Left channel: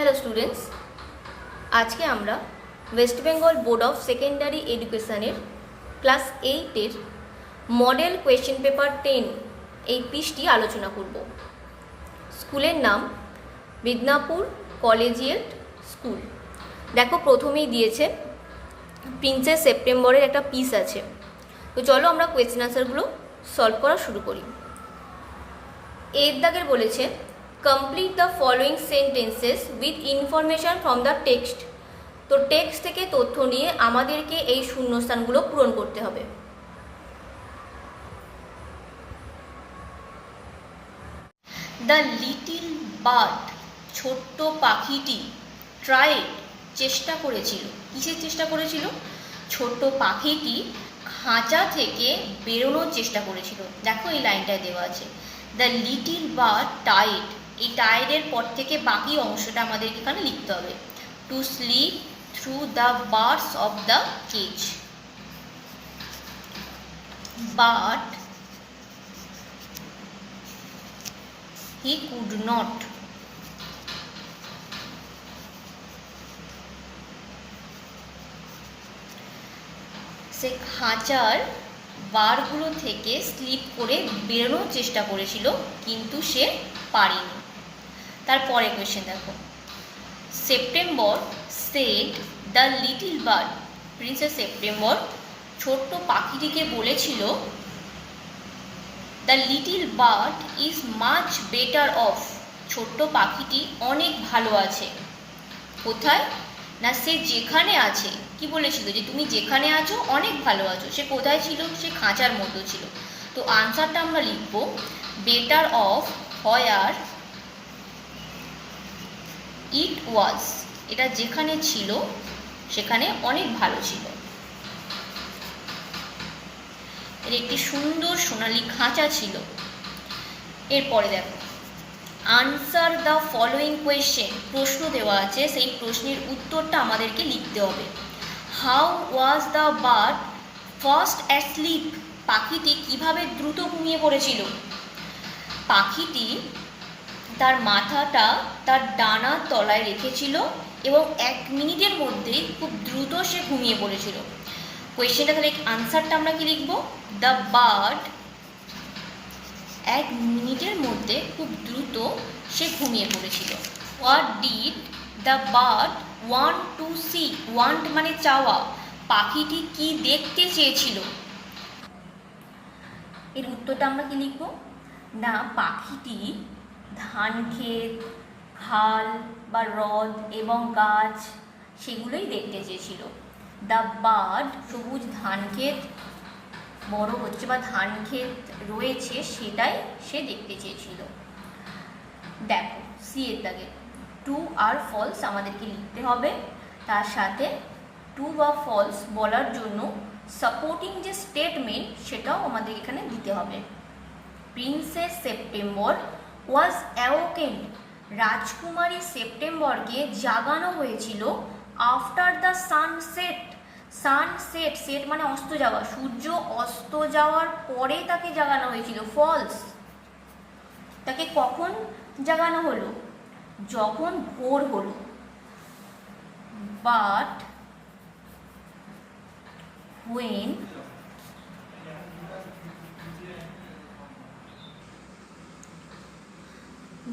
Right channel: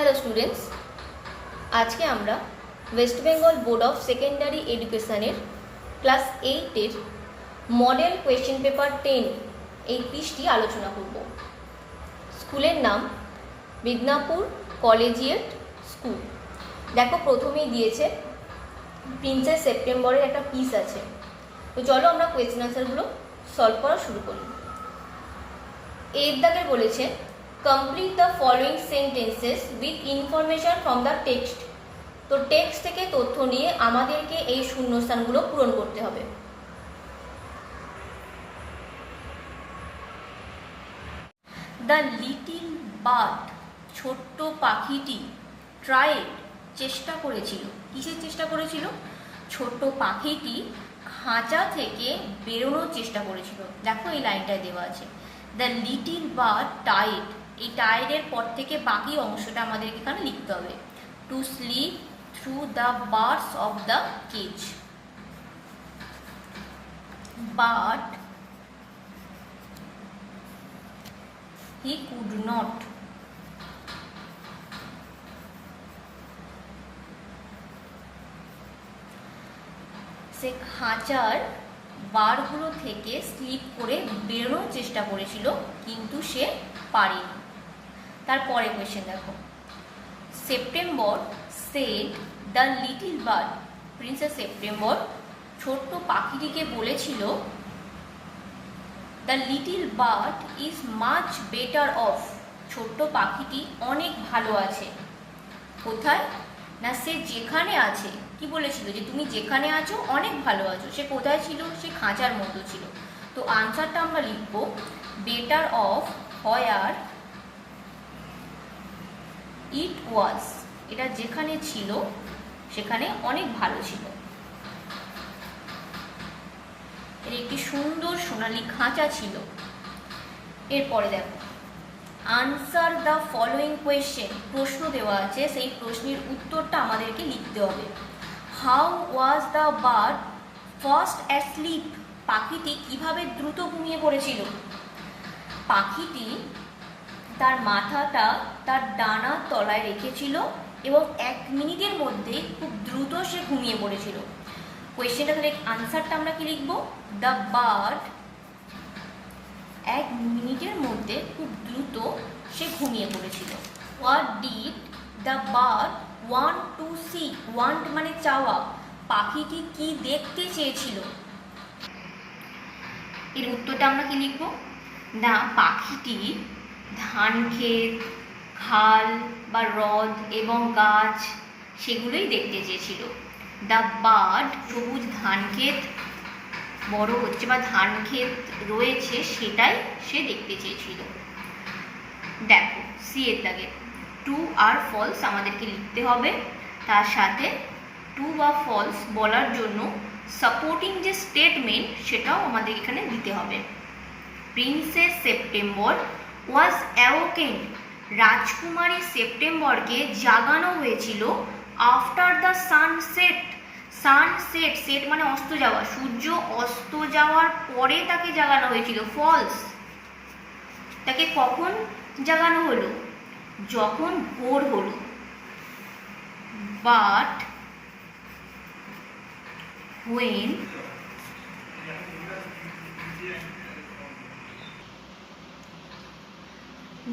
Hello students, আজকে আমরা West Bengal board of secondary এডুকেশনের ক্লাস 8-এর মডেল কোয়েশ্চেন পেপার 10 এই পিসটি আলোচনা করব। স্কুলের নাম মিদনাপুর কলেজিয়েট স্কুল। দেখো, প্রথমেই দিয়েছে প্রিন্সেস সেপ্টেম্বরের একটা পিস আছে। তো চলো আমরা কোয়েশ্চেন আনসারগুলো সলভ করা শুরু করি। এর দাগের বলেছে complete the following sentences with information from the text. তো টেক্সট থেকে তথ্য নিয়ে আমাদেরকে এই শূন্যস্থানগুলো পূরণ করতে হবে। দ্য লিটিল বার্ড, ছোট্ট পাখিটি, ট্রাইড, চেষ্টা করেছিল। কিসের চেষ্টা করেছিল? ছোট্ট পাখিটি খাঁচা থেকে বেরোনোর চেষ্টা করেছিল। দেখো এই লাইনটায় দেওয়া আছে দ্য লিটিল বার্ড টাইড। এই টাইডের পর থেকে বাকি অংশটা আমাদের এখানে লিখতে হবে। To slip through the birds of the cage. But he could not. সে খাঁচার বারগুলো থেকে স্লিপ করে বেরোনোর চেষ্টা করেছিল, কিন্তু সে পারেনি। তারপরে কোয়েশ্চেন দেখো, September said the little bird. Princess September ছোট্ট পাখিটিকে বলেছিল the little bird is much better of. ছোট্ট পাখিটি অনেক ভালো আছে। কোথায়? না, সে যেখানে আছে। কি বলেছিল? যে তুমি যেখানে আছো অনেক ভালো আছো। সে কোথায় ছিল? সে খাঁচার মধ্যে ছিল। তো আনসারটা আমরা লিখব বেটার অফ হোয়ার ইট ওয়াজ। এটা যেখানে ছিল সেখানে অনেক ভালো ছিল। এর একটি সুন্দর সোনালী খাঁচা ছিল। এরপরে দেখো, আনসার দ্য ফলোয়িং কোয়েশ্চেন। প্রশ্ন দেওয়া আছে, সেই প্রশ্নের উত্তরটা আমাদেরকে লিখতে হবে। How was the bird first asleep. পাখিটি কিভাবে দ্রুত ঘুমিয়ে পড়েছিল? পাখিটি তার মাথাটা তার ডানার তলায় রেখেছিল এবং 1 মিনিটের মধ্যে খুব দ্রুত সে ঘুমিয়ে পড়েছিল। কোয়েশ্চেনটা তাহলে আনসারটা আমরা কি লিখব? দ্য বার্ড 1 মিনিটের মধ্যে খুব দ্রুত সে ঘুমিয়ে পড়েছিল। What did the bird want to see. Want মানে চাওয়া। পাখিটি কি দেখতে চেয়েছিল? এর উত্তরটা আমরা কি লিখব? না, পাখিটি ধান ক্ষেত, খাল বা হ্রদ এবং গাছ সেগুলোই দেখতে চেয়েছিল। দ্য বার্ড সবুজ ধান ক্ষেত বড় হচ্ছে বা ধান ক্ষেত রয়েছে সেটাই সে দেখতে চেয়েছিল। দেখো সি এর দাগে ট্রু আর ফলস আমাদেরকে লিখতে হবে। তার সাথে ট্রু বা ফলস বলার জন্য সাপোর্টিং যে স্টেটমেন্ট সেটাও আমাদের এখানে দিতে হবে। প্রিন্সেস সেপ্টেম্বর ওয়াজ অ্যাওকেন্ড। রাজকুমারী সেপ্টেম্বরকে জাগানো হয়েছিল after the sunset. Sunset, set মানে অস্ত যাওয়া। সূর্য অস্ত যাওয়ার পরে তাকে জাগানো হয়েছিল। ফলস। তাকে কখন জাগানো হলো? যখন ভোর হলো। বাট when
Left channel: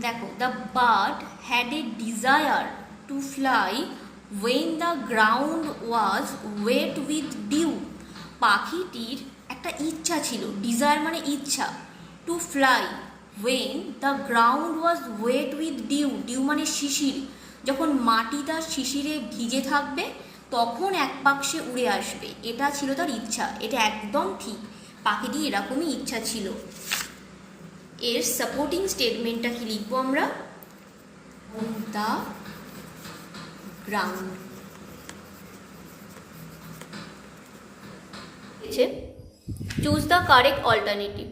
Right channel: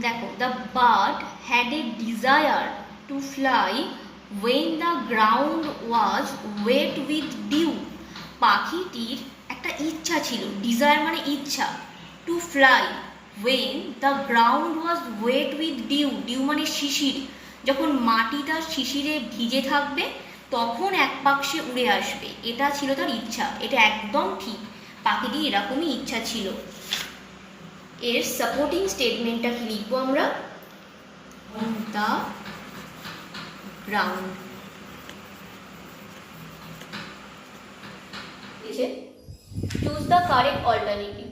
দেখো the bird had a desire to fly when the ground was wet with dew. পাখিটির একটা ইচ্ছা ছিল। ডিজায়ার মানে ইচ্ছা। To fly when the ground was wet with dew. Dew মানে শিশির। যখন মাটিটা শিশিরে ভিজে থাকবে তখন এক পাক সে উড়ে আসবে। এটা ছিল তার ইচ্ছা। এটা একদম ঠিক, পাখিটি এরকমই ইচ্ছা ছিল। এর সাপোর্টিং স্টেটমেন্টটা কি লিখবো আমরা? The ground. Choose the correct alternative.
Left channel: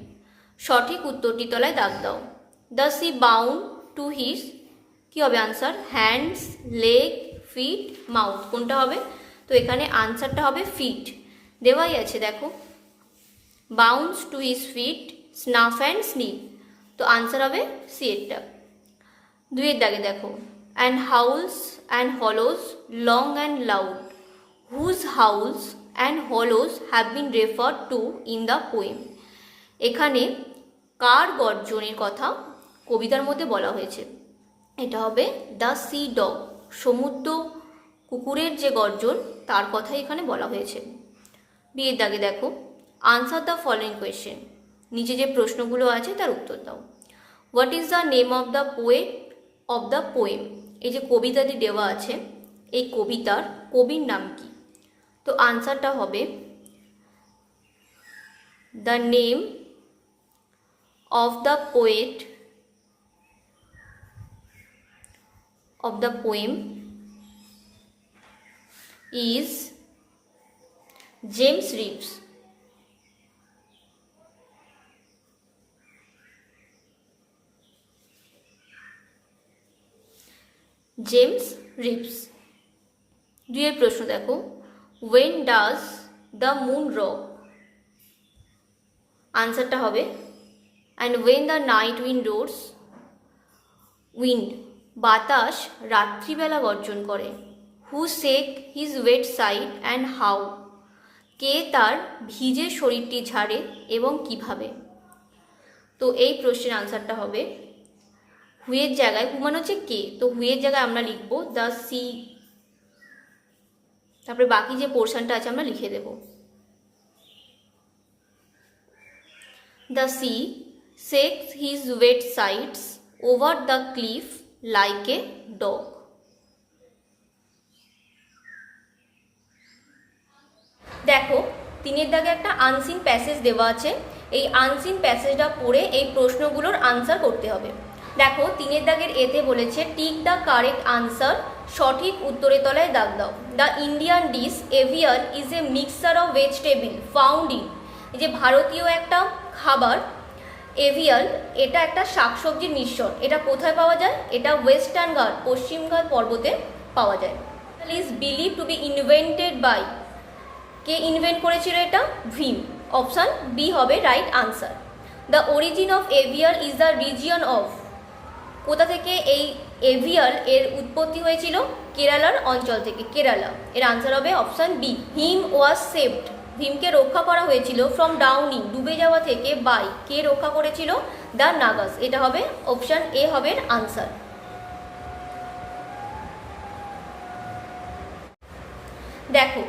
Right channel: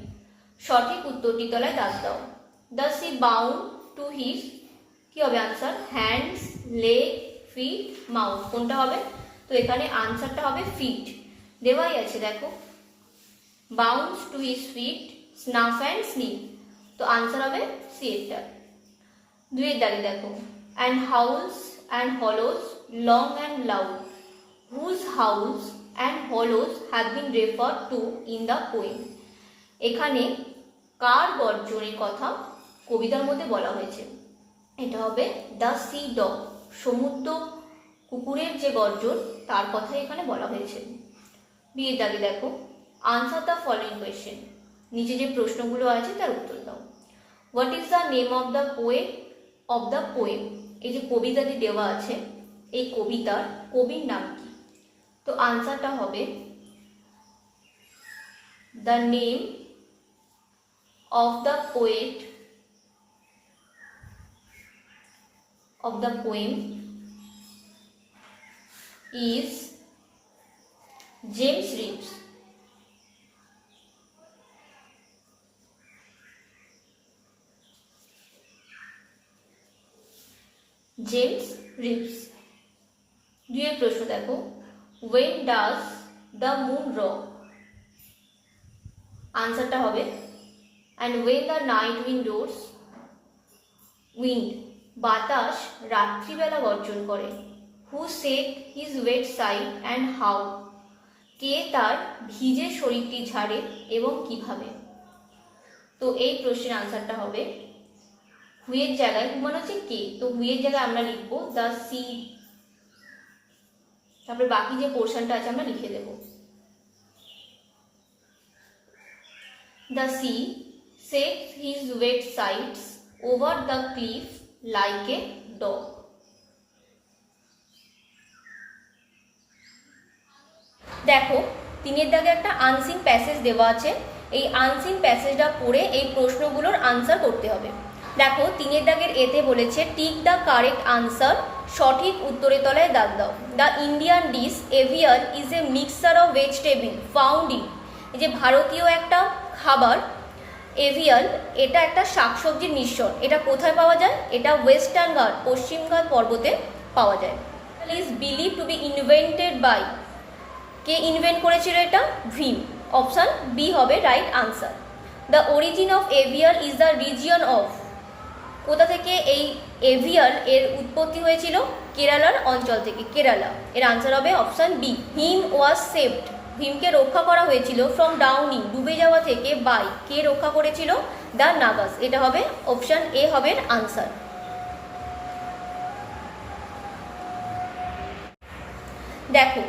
সঠিক উত্তরটি তলায় দাগ দাও। The sea bound to his, কি হবে answer? Hands, leg, feet, mouth. কোনটা হবে? তো এখানে আনসারটা হবে ফিট। দেওয়াই আছে দেখো, bounce to his feet, snuff and sniff. তো আনসার হবে সি এরটা। 2 এর দাগে দেখো, and howls and hollows long and loud, whose howls and hollows have been referred to in the poem. এখানে কার গর্জনের কথা কবিতার মধ্যে বলা হয়েছে? এটা হবে দ্য সি ডগ, সমুদ্র কুকুরের যে গর্জন তার কথাই এখানে বলা হয়েছে। বিয়ের দাগে দেখো, আনসার দ্য ফলোয়িং কোয়েশ্চেন, নিচে যে প্রশ্নগুলো আছে তার উত্তর দাও। What is the name of the poet of the poem? এই যে কবিতাটি দেওয়া আছে, এই কবিতার কবির নাম কি? তো আনসারটা হবে the name of the poet of the poem is James Reeves. James Reeves. দুইয়ের প্রশ্ন দেখো, when does the moon rock? আনসারটা হবে and when the night wind roars, wind বাতাস রাত্রিবেলা গর্জন করে। Who shake his wet side and howl, কে তার ভিজে শরীরটি ঝাড়ে এবং কিভাবে? তো এই প্রশ্নের আনসারটা হবে হুয়ের জায়গায়, হু মানে হচ্ছে কে, তো হুয়ের জায়গায় আমরা লিখব দ্য সি, তারপরে বাকি যে পোর্শনটা আছে আমরা লিখে দেব। The sea shakes his wet sides over the cliff like a dog. দেখো, তিনের দাগে একটা আনসিন প্যাসেজ দেওয়া আছে, এই আনসিন প্যাসেজটা পড়ে এই প্রশ্নগুলোর আনসার করতে হবে। দেখো, তিনের দাগের এতে বলেছে টিক দ্য কারেক্ট আনসার, সঠিক উত্তরের তলায় দাগ দাও। The Indian dish aviyal is a mixture of vegetable found in, এই যে ভারতীয় একটা খাবার এভিয়াল, এটা একটা শাকসবজির মিশ্রণ। এটা কোথায় পাওয়া যায়? এটা ওয়েস্টার্ন ঘাট, পশ্চিম ঘাট পর্বতে পাওয়া যায়। Is believe to be invented by, কে ইনভেন্ট করেছিল এটা? ভীম। অপশান বি হবে right answer. The origin of aviyal is the region of, কোথা থেকে এই এভিয়াল এর উৎপত্তি হয়েছিল? কেরালার অঞ্চল থেকে, কেরালা। এর আনসার হবে option B. Him was saved, ভীমকে রক্ষা করা হয়েছিল ফ্রম ডাউনিং, ডুবে যাওয়া থেকে, বাই, কে রক্ষা করেছিল? দ্য নাগাস। এটা হবে অপশান এ হবে আনসার। দেখো,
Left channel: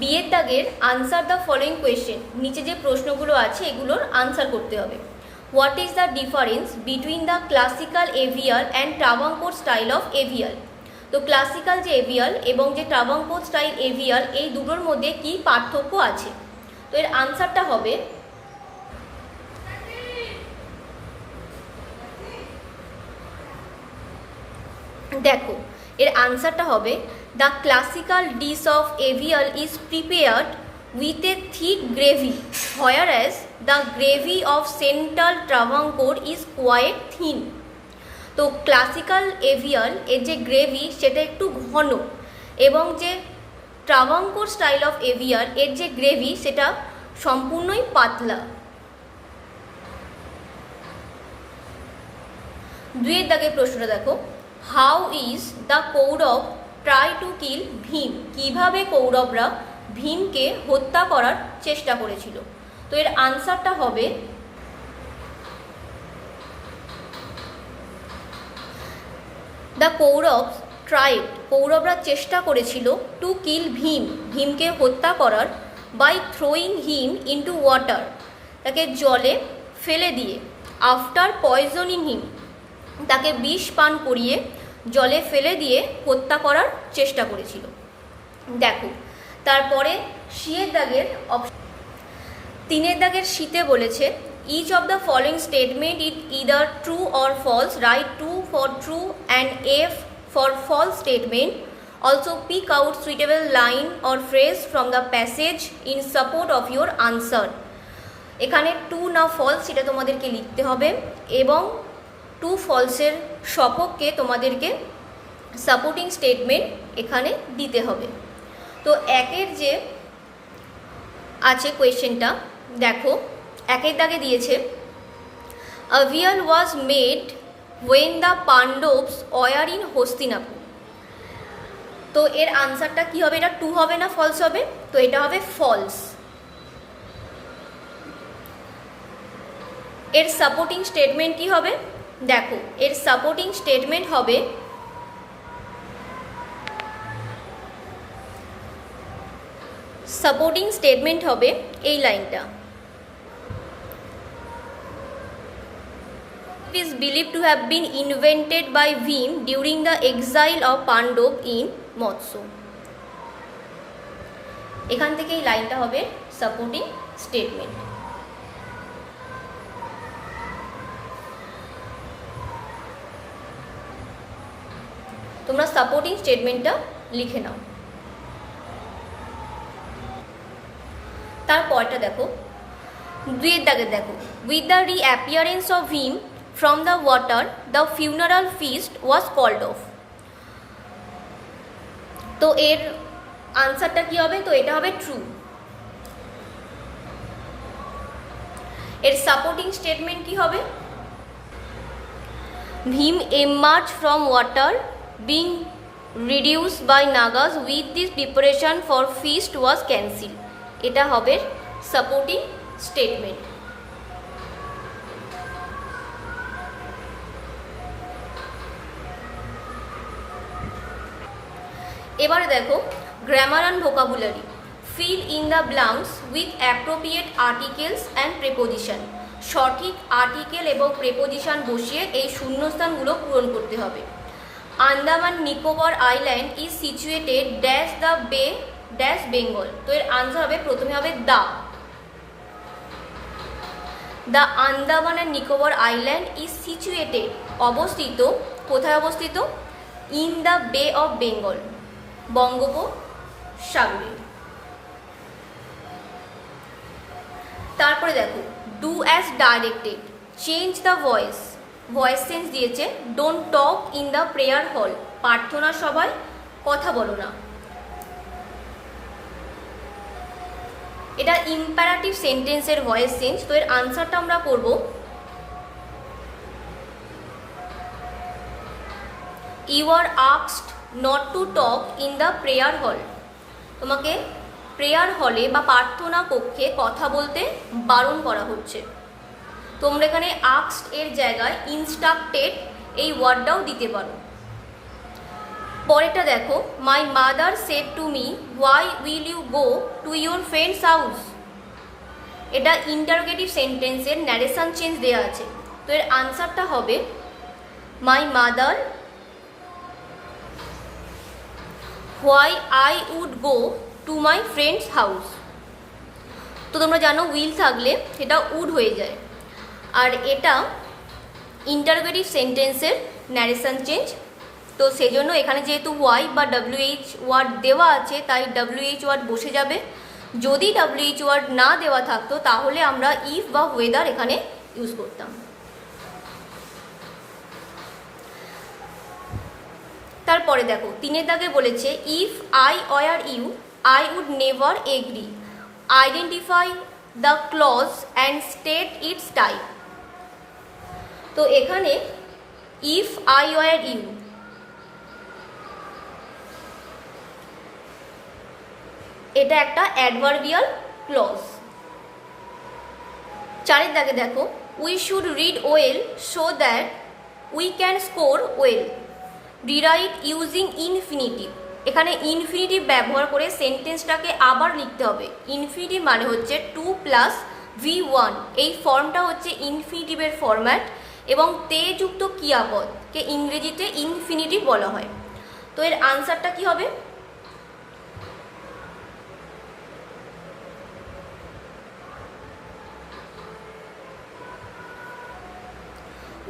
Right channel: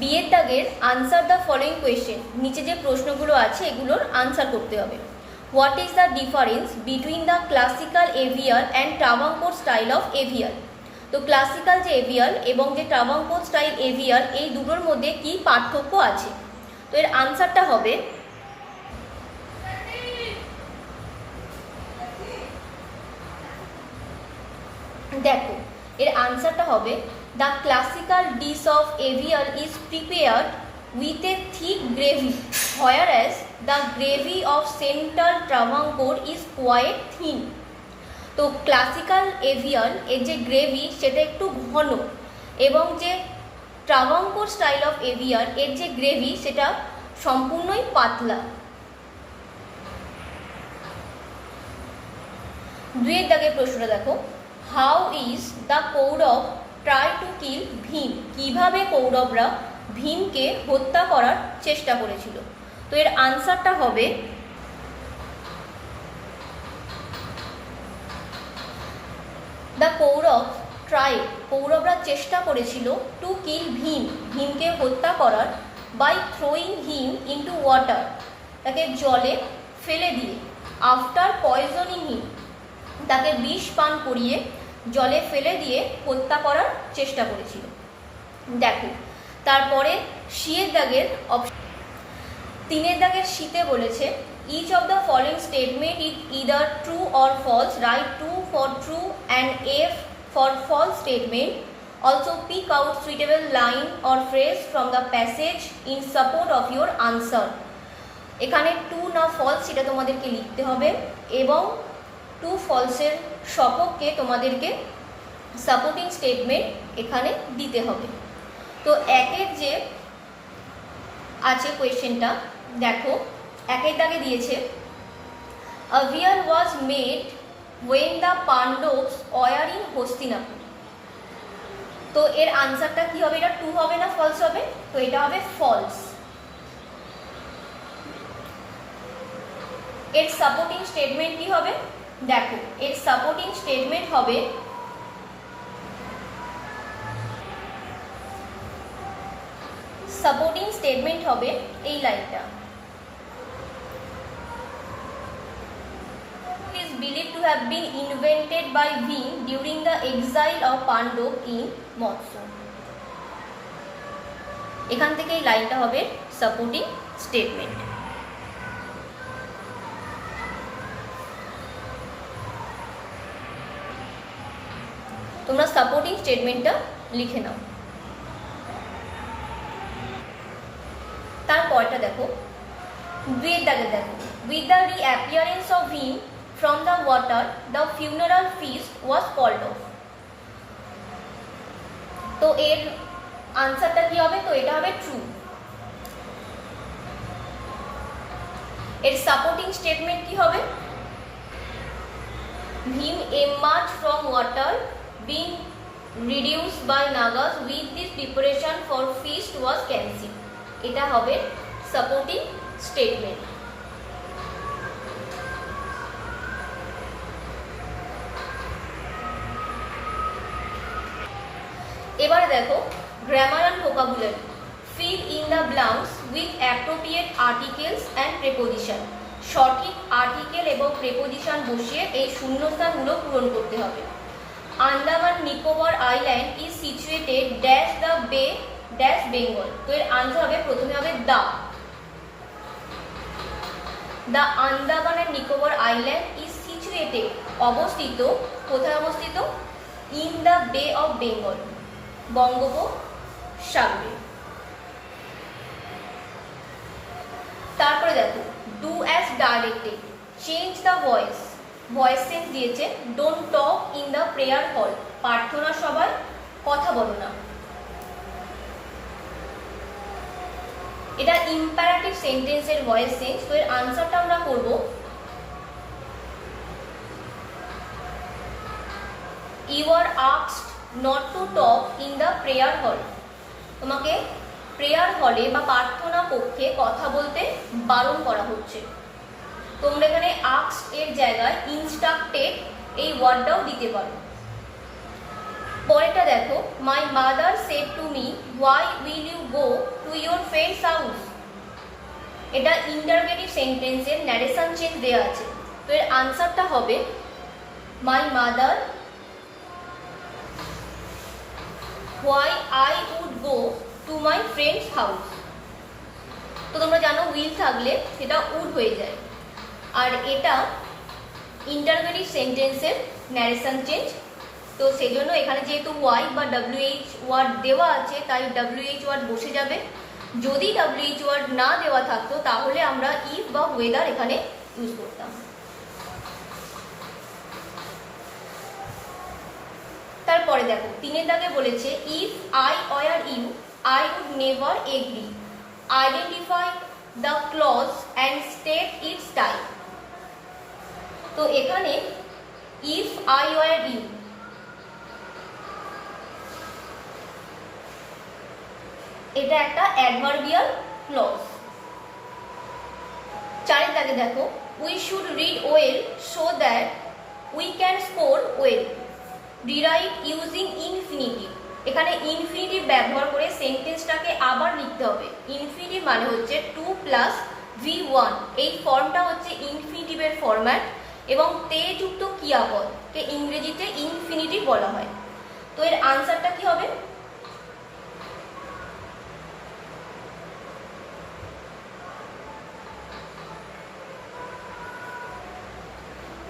বিয়ের দাগের আনসার দ্য ফলোয়িং কোয়েশ্চেন, নিচে যে প্রশ্নগুলো আছে এগুলোর আনসার করতে হবে। What is the difference between the classical aviyal and Travancore style of aviyal? তো ক্লাসিক্যাল যে এভিয়াল এবং যে ট্রাভাঙ্কোর স্টাইল এভিয়াল, এই দুটোর মধ্যে কি পার্থক্য আছে? তো এর আনসারটা হবে দেখো, এর আনসারটা হবে the classical dish of aviyal is prepared with a thick gravy, whereas the gravy of central Travancore is quite thin. তো ক্লাসিক্যাল এভিয়াল এর যে গ্রেভি সেটা একটু ঘন, এবং যে ট্রাভাঙ্কোর স্টাইল অফ এভিয়াল এর যে গ্রেভি সেটা সম্পূর্ণই পাতলা। দুইয়ের দাগের প্রশ্নটা দেখো, how is the Kaurav try to kill Bhim, কিভাবে কৌরবরা ভীমকে হত্যা করার চেষ্টা করেছিল? তো এর আনসারটা হবে দ্য কৌরব ট্রাইড, কৌরবরা চেষ্টা করেছিল টু কিল ভীম, ভীমকে হত্যা করার, by throwing him into water, তাকে জলে ফেলে দিয়ে, আফটার পয়জনিং হিম, তাকে বিষ পান করিয়ে জলে ফেলে দিয়ে হত্যা করার চেষ্টা করেছিল। দেখো, তারপরে সিয়ের দাগের তিনের দাগের শীতে বলেছে each of the following statement is either true or false, write true for true and F for false statement, also pick out suitable line or phrase from the passage in support of your answer. এখানে true না false সেটা তোমাদেরকে লিখতে হবে, এবং true ফলসের সপক্ষে তোমাদেরকে supporting statement এখানে দিতে হবে। তো একের যে আছে কোয়েশ্চেনটা দেখো, একের দাগে দিয়েছে aviyal was made when the Pandavas were in Hastinapur। তো এর আনসারটা কি হবে? এটা ট্রু হবে না ফলস হবে? তো এটা হবে ফলস। এর সাপোর্টিং স্টেটমেন্ট কি হবে? দেখো এর সাপোর্টিং স্টেটমেন্ট হবে এই লাইনটা, is believed to have been invented by Bhim during the exile of Pandav in Matsya। এখান থেকে এই লাইনটা হবে সাপোর্টিং স্টেটমেন্ট। তোমরা সাপোর্টিং স্টেটমেন্টটা লিখে নাও। তারপরটা দেখো, দেখো with the reappearance of him from the water the funeral feast was called off. তো এর আনসারটা কি হবে? তো এটা হবে ট্রু। এর সাপোর্টিং স্টেটমেন্ট কি হবে? Bhim emerged from water being reduced by Nagas with this preparation for feast was cancelled। এটা হবে সাপোর্টিং স্টেটমেন্ট। এবারে দেখো grammar and vocabulary. Fill in the blanks with appropriate articles and preposition. সঠিক article এবং preposition বসিয়ে এই শূন্যস্থানগুলো পূরণ করতে হবে। Andaman Nicobar island is situated dash the বে ড্যাশ বেঙ্গল। তো এর আনসার হবে, প্রথমে হবে the Andaman and Nicobar island is situated, অবস্থিত, কোথায় অবস্থিত? ইন দ্য বে অফ বেঙ্গল, বঙ্গোপসাগরে। তারপরে দেখো do as directed, change the voice, voice change দিয়েছে। Don't talk in the prayer হল, প্রার্থনা সভায় কথা বলো না। এটা ইম্পারেটিভ সেন্টেন্সের ভয়েস চেঞ্জ। তো এর আনসারটা আমরা করব you are asked not to talk in the prayer hall. তোমাকে প্রেয়ার হলে বা প্রার্থনা কক্ষে কথা বলতে বারণ করা হচ্ছে। তোমরা এখানে আস্কড এর জায়গায় ইনস্ট্রাক্টেড এই ওয়ার্ডটাও দিতে পারো। পরেরটা দেখো, my mother said to me why will you go to your friends house. এটা ইন্টারোগেটিভ সেন্টেন্সের ন্যারেশন চেঞ্জ দেওয়া আছে। তো এর আনসারটা হবে my mother why I would go to my friends house. তো তোমরা জানো উইল থাকলে সেটা উড হয়ে যায়, আর এটা ইন্টারোগেটিভ সেন্টেন্সের ন্যারেশন চেঞ্জ। তো সেই জন্য এখানে যেহেতু ওয়াই বা WH ওয়ার্ড দেওয়া আছে তাই WH ওয়ার্ড বসে যাবে। যদি WH ওয়ার্ড না দেওয়া থাকতো তাহলে আমরা ইফ বা ওয়েদার এখানে ইউজ করতাম। তারপরে দেখো 3 দাগে বলেছে if I were you I would never agree, identify the clause and state its type. তো এখানে ইফ আই ওয়ার ইউ, এটা একটা অ্যাডভার্বিয়াল ক্লজ। 4 দাগে দেখো we should read well so that we can score well, rewrite using infinitive. এখানে infinitive ব্যবহার করে সেন্টেন্সটাকে আবার লিখতে হবে। ইনফিনিটিভ মানে হচ্ছে 2 + V1, এই ফর্মটা হচ্ছে ইনফিনিটিভের ফরম্যাট এবং তে যুক্ত ক্রিয়াপদকে ইংরেজিতে ইনফিনিটিভ বলা হয়। তো এর আনসারটা কি হবে?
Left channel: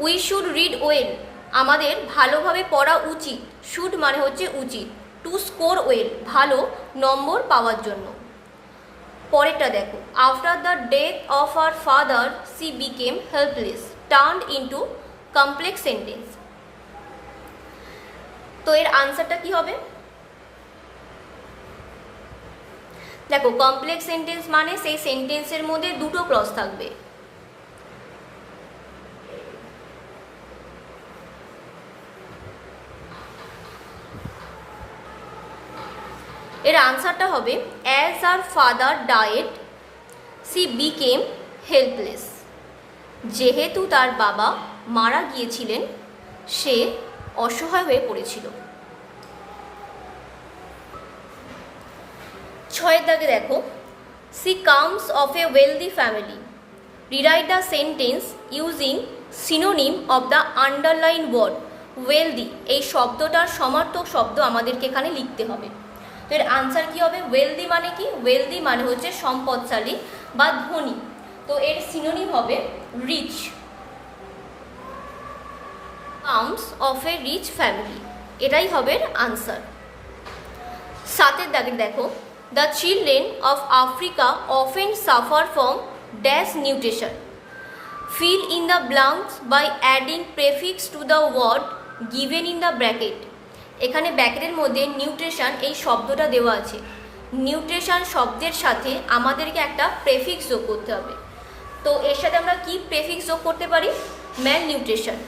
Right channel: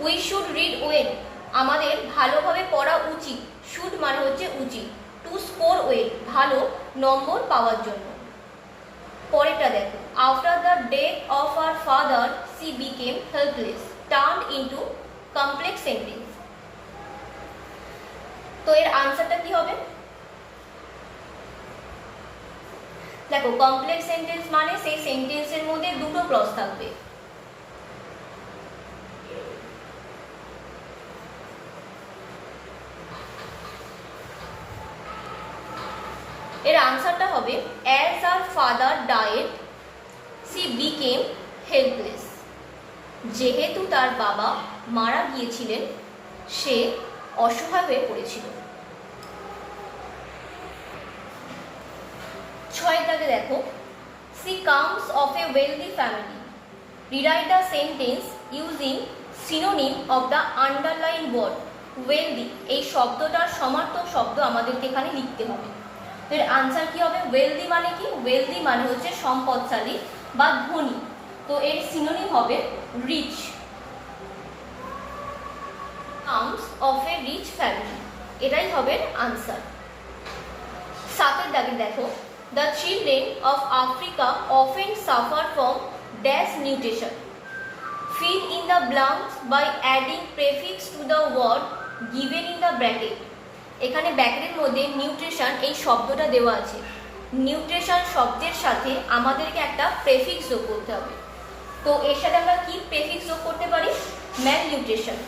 উই শুড রিড ওয়েল, আমাদের ভালোভাবে পড়া উচিত। শুড মানে হচ্ছে উচিত। টু স্কোর ওয়েল, ভালো নম্বর পাওয়ার জন্য। পরেরটা দেখো after the death of her father she became helpless, turned into complex sentence. তো এর আনসারটা কি হবে? দেখো কমপ্লেক্স সেন্টেন্স মানে সেই সেন্টেন্সের মধ্যে দুটো ক্লজ থাকবে। এর আনসারটা হবে as her father died she became helpless. যেহেতু তার বাবা মারা গিয়েছিলেন সে অসহায় হয়ে পড়েছিল। 6 দাগে দেখো, she comes of a wealthy family. Rewrite the sentence using synonym of the underline word wealthy. এই শব্দটার সমার্থক শব্দ আমাদেরকে এখানে লিখতে হবে। তো এর আনসার কি হবে? ওয়েলদি মানে কি? ওয়েলদি মানে হচ্ছে সম্পদশালী বা ধনী। তো এর সিনোনিম হবে rich. Comes of a rich family, এটাই হবে আনসার। 7 দাগে দেখো, the children of Africa often suffer from dash nutrition. Fill in the blanks by adding prefix to the word given in the bracket. এখানে ব্র্যাকেটের মধ্যে nutrition এই শব্দটা দেওয়া আছে। নিউট্রিশন শব্দের সাথে আমাদেরকে একটা প্রেফিক্স যোগ করতে হবে। তো এর সাথে আমরা কি প্রেফিক্স যোগ করতে পারি? Malnutrition.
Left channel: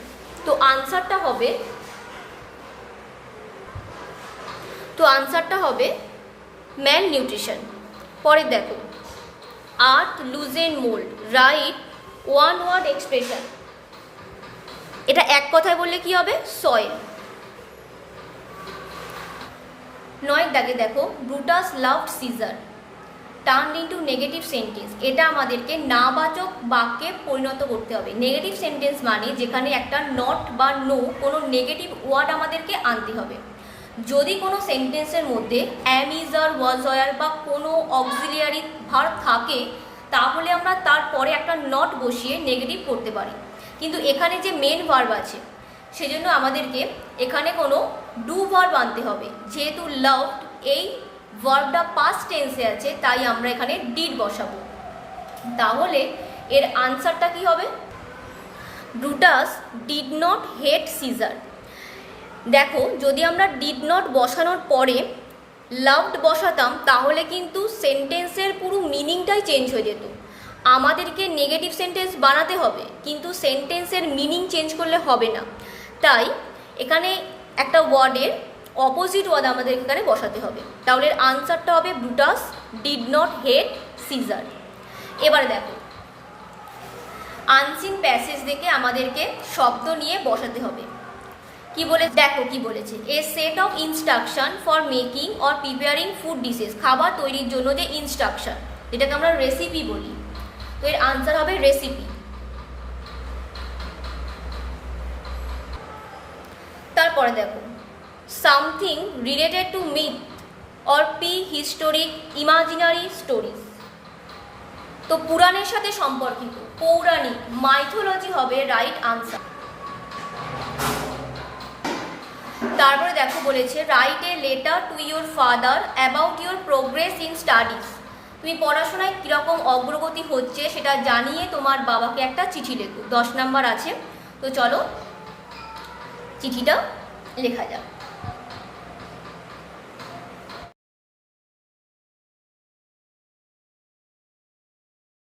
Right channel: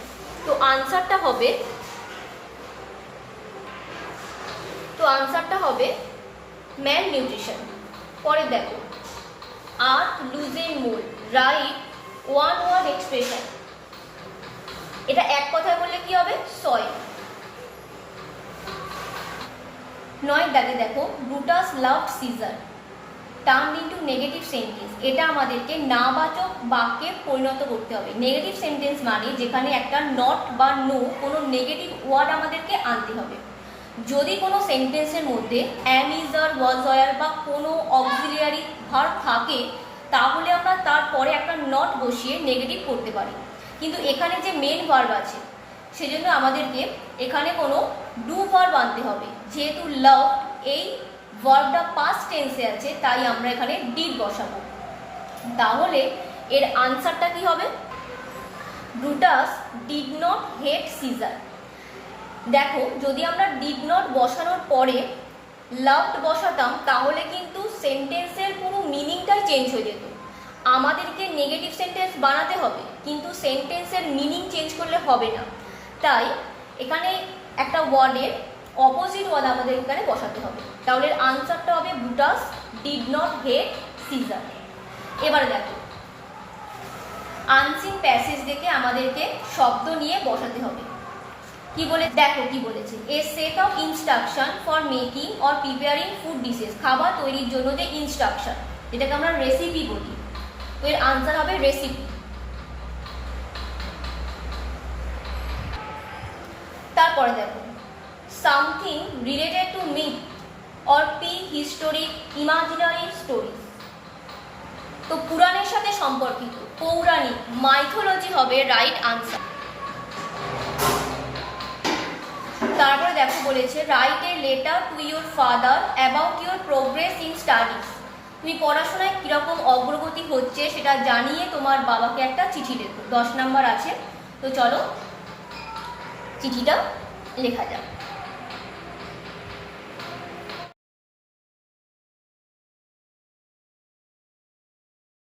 তো আনসারটা হবে ম্যাল নিউট্রিশন। পরে দেখো, earth loosen mould, write one word expression. এটা এক কথায় বললে কি হবে? সয়েল। 9 দাগে দেখো, Brutus loved Caesar turned into negative sentence. এটা আমাদেরকে নাবাচক বাক্যে পরিণত করতে হবে। নেগেটিভ সেন্টেন্স মানে যেখানে একটা নট বা নো কোনো নেগেটিভ ওয়ার্ড আমাদেরকে আনতে হবে। যদি কোনো সেন্টেন্সের মধ্যে অ্যাম, ইজ, আর, ওয়াজ, ওয়্যার বা কোনো অক্সিলিয়ারি ভার্ব থাকে তাহলে আমরা তারপরে একটা নট বসিয়ে নেগেটিভ করতে পারি। কিন্তু এখানে যে মেন ভার্ব আছে সেজন্য আমাদেরকে এখানে কোনো ডু ভার্ব আনতে হবে। যেহেতু লাভড এই ভার্বটা পাস্ট টেন্সে আছে তাই আমরা এখানে ডিড বসাবো। তাহলে এর আনসারটা কি হবে? Brutus did not hate Caesar. দেখো, যদি আমরা ডিড নট বসানোর পরে লাভড বসাতাম তাহলে কিন্তু সেন্টেন্সের পুরো মিনিংটাই চেঞ্জ হয়ে যেত। আমাদেরকে নেগেটিভ সেন্টেন্স বানাতে হবে কিন্তু সেন্টেন্সের মিনিং চেঞ্জ করলে হবে না। তাই এখানে একটা ওয়ার্ডের অপোজিট ওয়ার্ড আমাদের এখানে বসাতে হবে। তাহলে আনসারটা হবে Brutus did not hate Caesar. এবার দেখো, আনসিন প্যাসেজ দেখে আমাদেরকে শব্দ নিয়ে বসাতে হবে। কি বলে দেখো কি বলেছে, a set of instruction for making or preparing food dishes. খাবার তৈরির জন্য যে ইনস্ট্রাকশন, যেটাকে আমরা রেসিপি বলি। তো এর আনসার হবে রেসিপি। তারপরে দেখো, something related to myth or pre historic imaginary stories. তো পুরাণের সাথে সম্পর্কিত, পৌরাণিক, মাইথোলজি হবে রাইট আনসার। তারপরে দেখো বলেছে, write a letter to your father about your progress in studies. তুমি পড়াশোনায় কীরকম অগ্রগতি হচ্ছে সেটা জানিয়ে তোমার বাবাকে একটা চিঠি লেখো। 10 নাম্বার আছে। তো চলো চিঠিটা লেখা যাক।